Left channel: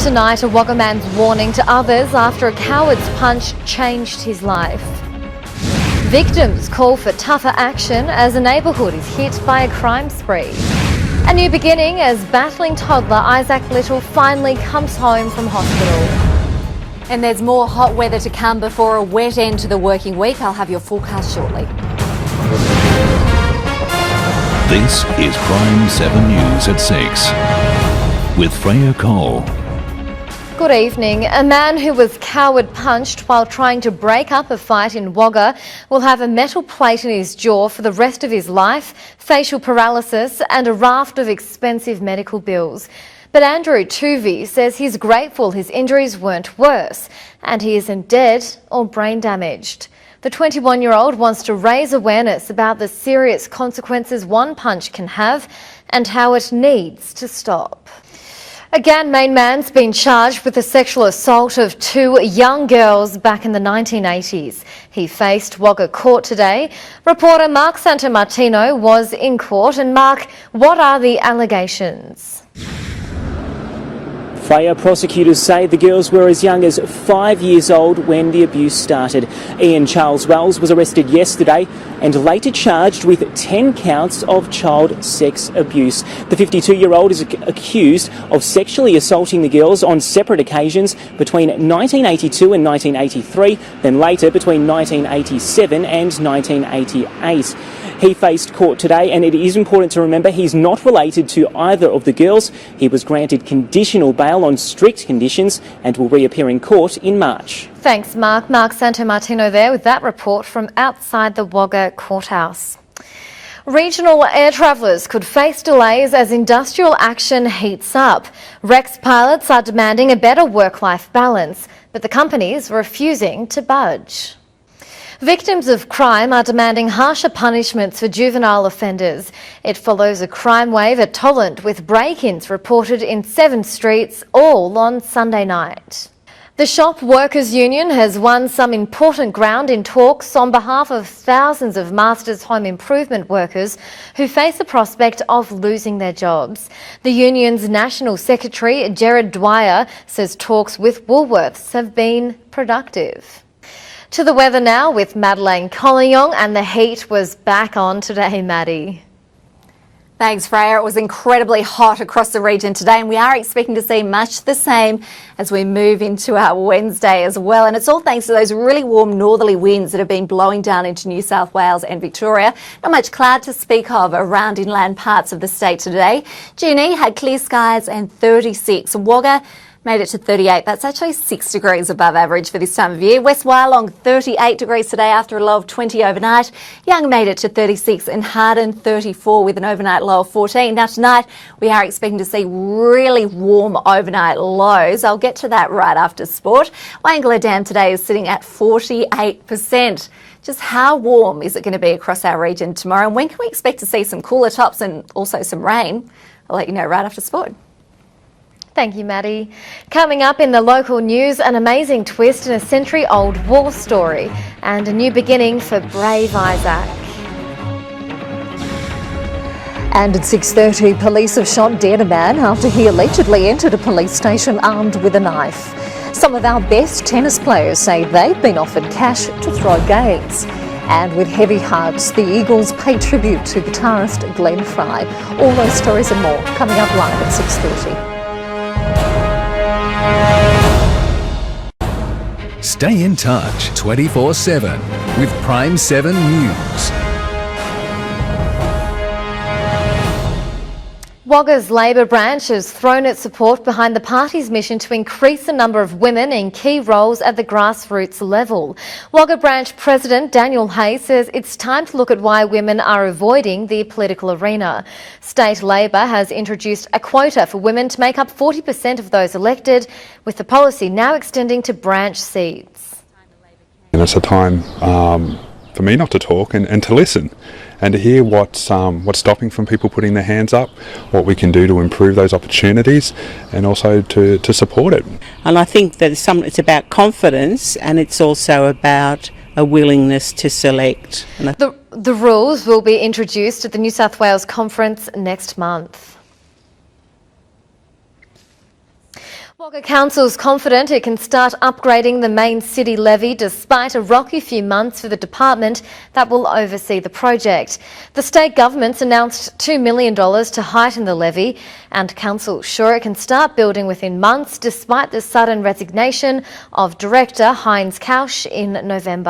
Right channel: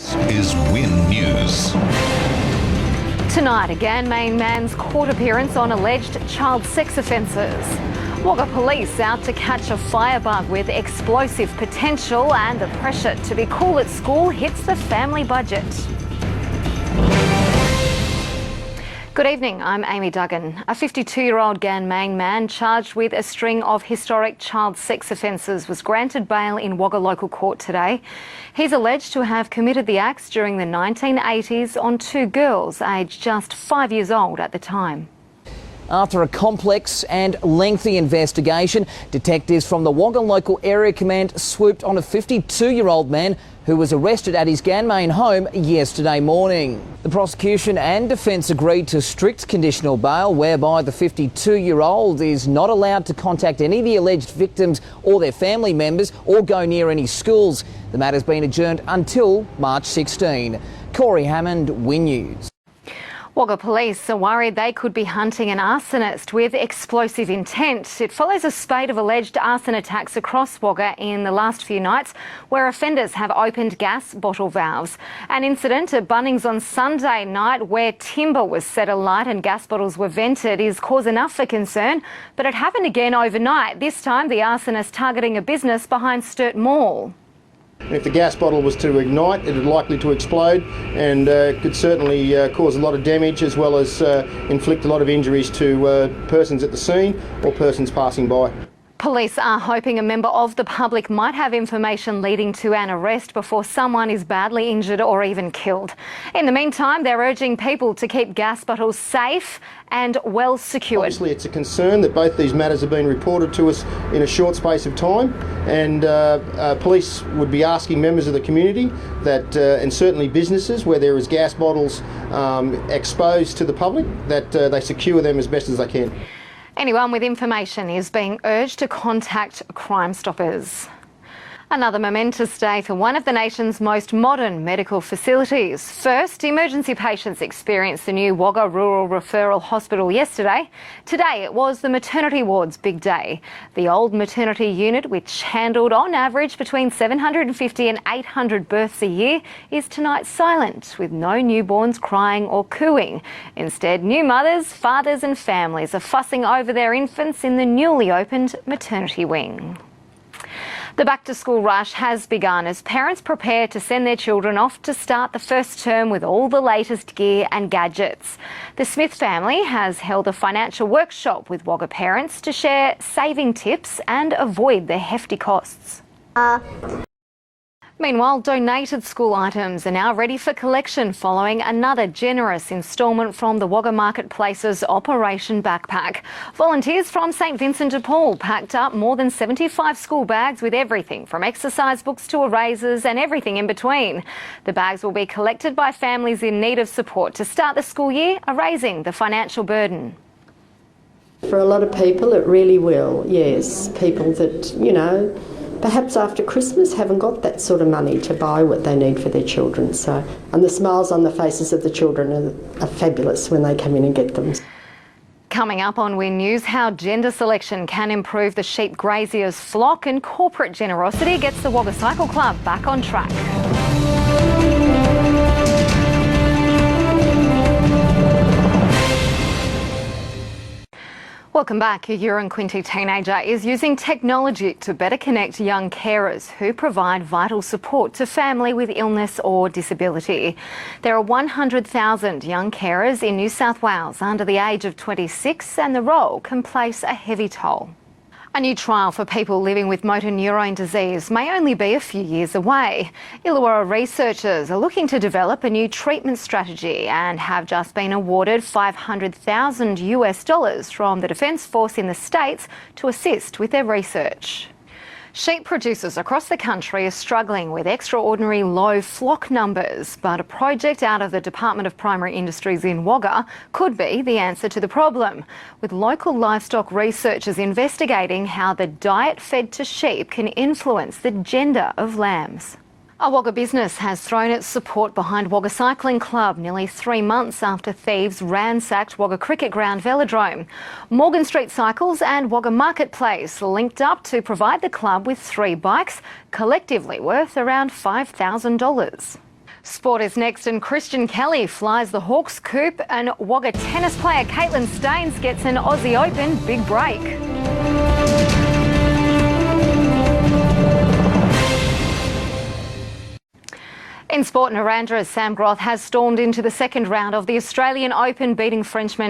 Tonight, a Wagga man's warning to others after a coward's punch changed his life. Victims call for tougher action as a neighbourhood is hit by a crime spree. A new beginning as battling toddler Isaac Little finally comes home from hospital. And there's more hot weather to come before a wet end to the working week. I'll have your full cast shortly. This is Prime7 News at 6 with Freya Cole. Good evening. A man who was coward punched while trying to break up a fight in Wagga will have a metal plate in his jaw for the rest of his life, facial paralysis and a raft of expensive medical bills. But Andrew Tuvey says he's grateful his injuries weren't worse and he isn't dead or brain damaged. The 21-year-old wants to raise awareness about the serious consequences one punch can have and how it needs to stop. A Ganmain man's been charged with the sexual assault of two young girls back in the 1980s. He faced Wagga court today. Reporter Mark Santamartino was in court. And Mark, what are the allegations? Freya prosecutors say the girls were as young as 5 years old when the abuse started. Ian Charles Wells was arrested yesterday and later charged with 10 counts of child sex abuse. The 52-year-old is accused of sexually assaulting the girls on separate occasions between 1982 and 1983, then later between 1987 and 1988. He faced court today, and it is important to remember he's not related to either of the girls. He was granted conditional bail on strict conditions and will reappear in court in March. Thanks, Mark. Mark Santamartino there with that report from outside the Wagga courthouse. Regional air travellers could face delays as industrial action heats up. Rex pilots are demanding a better work-life balance, but the companies refusing to budge. Victims of crime are demanding harsher punishments for juvenile offenders. It follows a crime wave at Tolland, with break-ins reported in 7 streets, all on Sunday night. The Shop Workers Union has won some important ground in talks on behalf of thousands of Masters Home Improvement workers who face the prospect of losing their jobs. The union's National Secretary Gerard Dwyer says talks with Woolworths have been productive. To the weather now with Madelaine Collignon, and the heat was back on today, Maddie. Thanks, Freya. It was incredibly hot across the region today, and we are expecting to see much the same as we move into our Wednesday as well. And it's all thanks to those really warm northerly winds that have been blowing down into New South Wales and Victoria. Not much cloud to speak of around inland parts of the state today. Junee had clear skies and 36. Wagga made it to 38. That's actually 6 degrees above average for this time of year. West Wyalong 38 degrees today after a low of 20 overnight. Young made it to 36 and Harden 34 with an overnight low of 14. Now tonight we are expecting to see really warm overnight lows. I'll get to that right after sport. Wangla Dam today is sitting at 48%. Just how warm is it going to be across our region tomorrow? And when can we expect to see some cooler tops and also some rain? Perhaps after Christmas, haven't got that sort of money to buy what they need for their children. Coming up in the local news, an amazing twist in a century-old war story and a new beginning for brave Isaac. How gender selection can improve the sheep grazier's flock. And at 6:30, police have shot dead a man after he allegedly entered a police station armed with a knife. Some of our best tennis players say they've been offered cash to throw games. And with heavy hearts, the Eagles pay tribute to guitarist Glenn Fry. All those stories and more coming up live at 6:30. To family with illness or disability. There are 100,000 young Stay in carers in New touch South Wales 24/7 with Prime7 News. Face a heavy toll. A new trial for people living with motor neurone disease. Wagga's Labor branch has thrown its support behind the party's mission to increase the number of women in key roles at the grassroots level. Wagga branch President Daniel Hay says it's time to look at why women are avoiding the political arena. State Labor has introduced a quota for women to make up 40% of those elected, with the policy now extending to branch seats. And it's a time for me not to talk and to listen and to hear what's stopping from people putting their hands up, what we can do to improve those opportunities and also to support it. And I think that it's about confidence, and it's also about a willingness to select. The rules will be introduced at the New South Wales Conference next month. collectively worth around $5,000. Wagga Council's confident it can start upgrading the main city levy despite a rocky few months for the department that will oversee the project. The state government's announced $2 million to heighten the levy, and council sure it can start building within months despite the sudden resignation of Director Heinz Couch in November.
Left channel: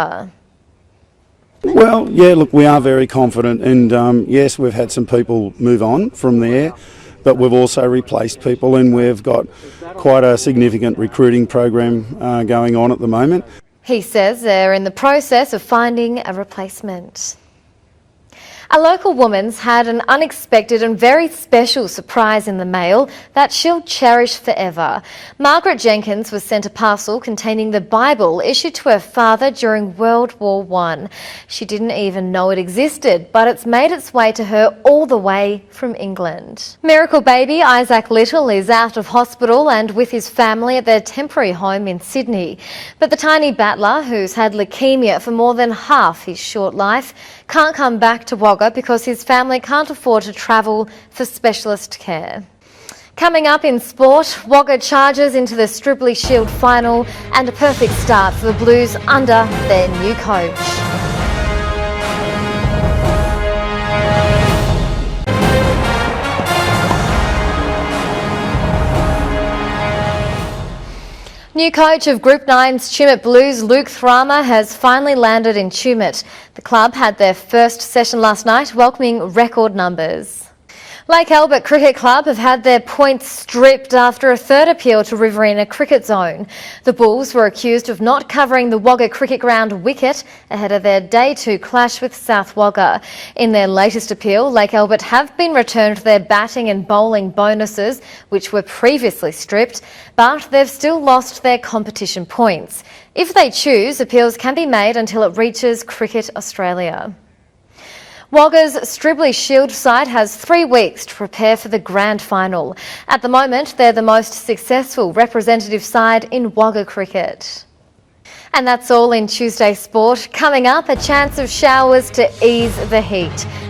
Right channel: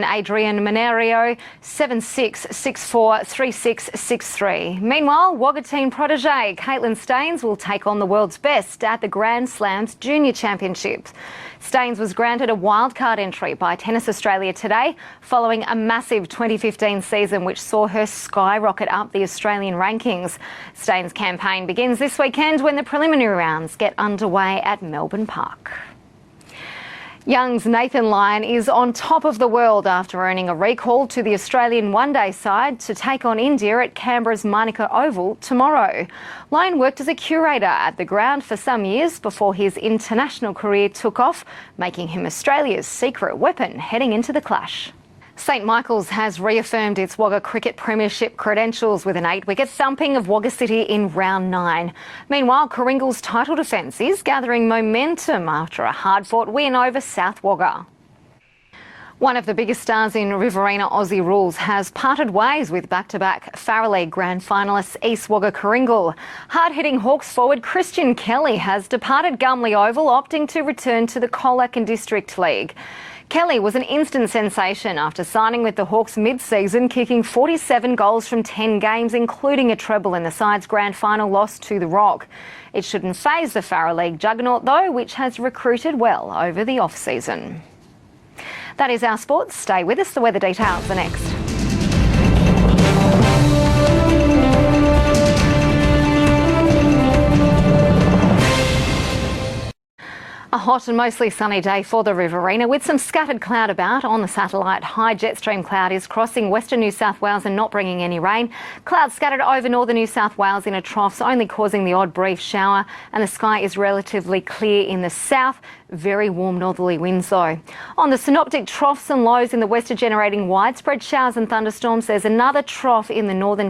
Well, yeah, look, we are very confident, and yes, we've had some people move on from there, but we've also replaced people, and we've got quite a significant recruiting program going on at the moment. He says they're in the process of finding a replacement. A local woman's had an unexpected and very special surprise in the mail that she'll cherish forever. Margaret Jenkins was sent a parcel containing the Bible issued to her father during World War I. She didn't even know it existed, but it's made its way to her all the way from England. Miracle baby Isaac Little is out of hospital and with his family at their temporary home in Sydney. But the tiny battler, who's had leukemia for more than half his short life, can't come back to Wagga because his family can't afford to travel for specialist care. Coming up in sport, Wagga charges into the Stripley Shield final and a perfect start for the Blues under their new coach. Riverina Aussie Rules has parted ways with back-to-back Farrelly Grand finalists East Wagga Coringal. Hard-hitting Hawks forward Christian Kelly has departed Gumley Oval, opting to return to the Collignon. New coach of Group 9's Tumut Blues, Luke Thrama, has finally landed in Tumut. The club had their first session last night, welcoming record numbers. Lake Albert Cricket Club have had their points stripped after a third appeal to Riverina Cricket Zone. The Bulls were accused of not covering the Wagga Cricket Ground wicket ahead of their Day 2 clash with South Wagga. In their latest appeal, Lake Albert have been returned their batting and bowling bonuses, which were previously stripped, but they've still lost their competition points. If they choose, appeals can be made until it reaches Cricket Australia. Wagga's Stripley Shield side has 3 weeks to prepare for the grand final. At the moment, they're the most successful representative side in Wagga cricket. And that's all in Tuesday's sport. Coming up, a chance of showers to ease the heat.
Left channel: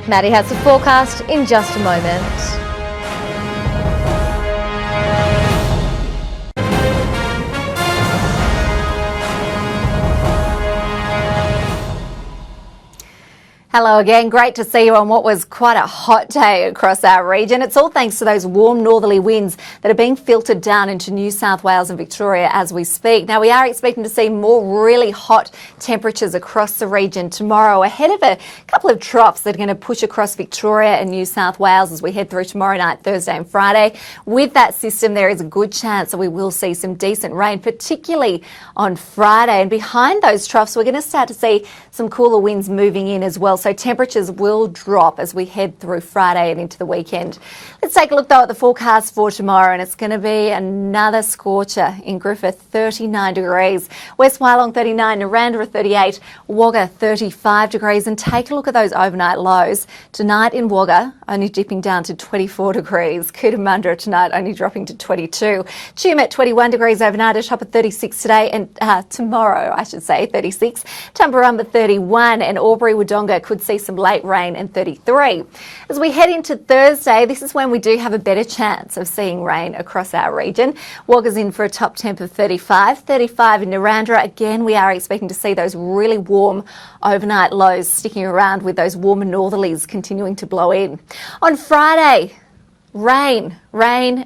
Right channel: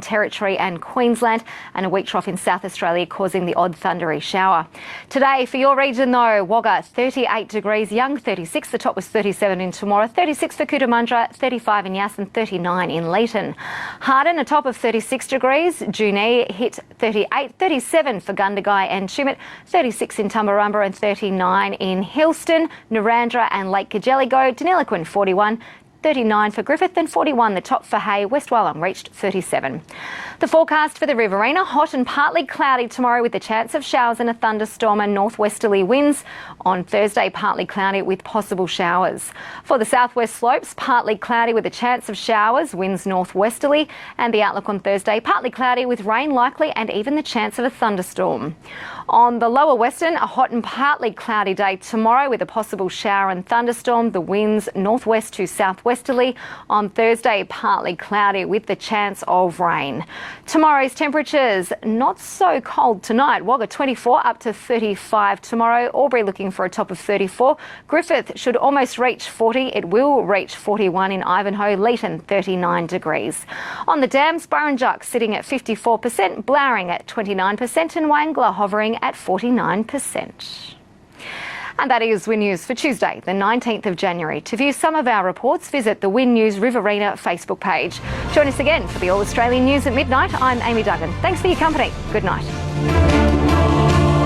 Maddie has the forecast in just a moment. South Australia causing the odd thundery shower. Today, for your region though, Wagga 38 degrees, Young 36, the top was 37 in tomorrow, 36 for Cootamundra, 35 in Yass and 39 in Leighton. Hello again, great to see you on what was quite a hot day across our region. It's all thanks to those warm northerly winds that are being filtered down into New South Wales and Victoria as we speak. Now we are expecting to see more really hot temperatures across the region tomorrow ahead of a couple of troughs that are going to push across Victoria and New South Wales as we head through tomorrow night, Thursday and Friday. With that system there is a good chance that we will see some decent rain, particularly on Friday. And behind those troughs we're going to start to see some cooler winds moving in as well, so temperatures will drop as we head through Friday and into the weekend. Let's take a look though at the forecast for tomorrow, and it's going to be another scorcher in Griffith, 39 degrees. West Wyalong 39, Narrandera 38, Wagga 35 degrees, and take a look at those overnight lows. Tonight in Wagga, only dipping down to 24 degrees. Cootamundra tonight only dropping to 22. Tumut 21 degrees overnight, a top of 36 today, and tomorrow I should say 36. Tumbarumba 31, and Albury-Wodonga could see some late rain and 33. As we head into Thursday, this is when we do have a better chance of seeing rain across our region. Wagga's in for a top temp of 35, 35 in Narrandera. Again, we are expecting to see those really warm overnight lows sticking around with those warm northerlies continuing to blow in. On Friday, rain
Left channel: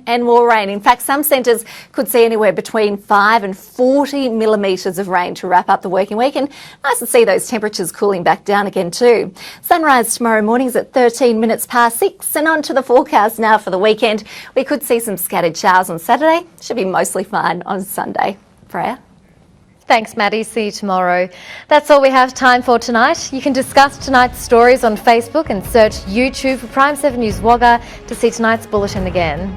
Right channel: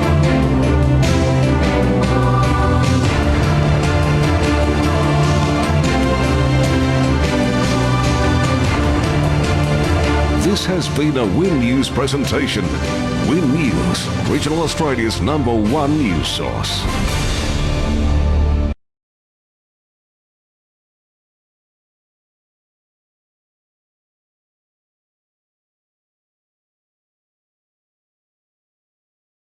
and more rain. In fact, some centres could see anywhere between 5 and 40 millimetres of rain to wrap up the working week, and nice to see those temperatures cooling back down a bit too. Sunrise tomorrow morning is at 13 minutes past 6, and on to the forecast now for the weekend. We could see some scattered showers on Saturday, should be mostly fine on Sunday. Freya? Thanks, Maddie. See you tomorrow. That's all we have time for tonight. You can discuss tonight's stories on Facebook and search YouTube for Prime7 News Wagga to see tonight's bulletin again.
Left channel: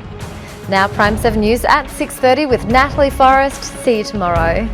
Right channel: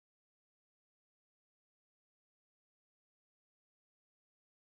Now Prime7 News at 6:30 with Natalie Forrest. See you tomorrow.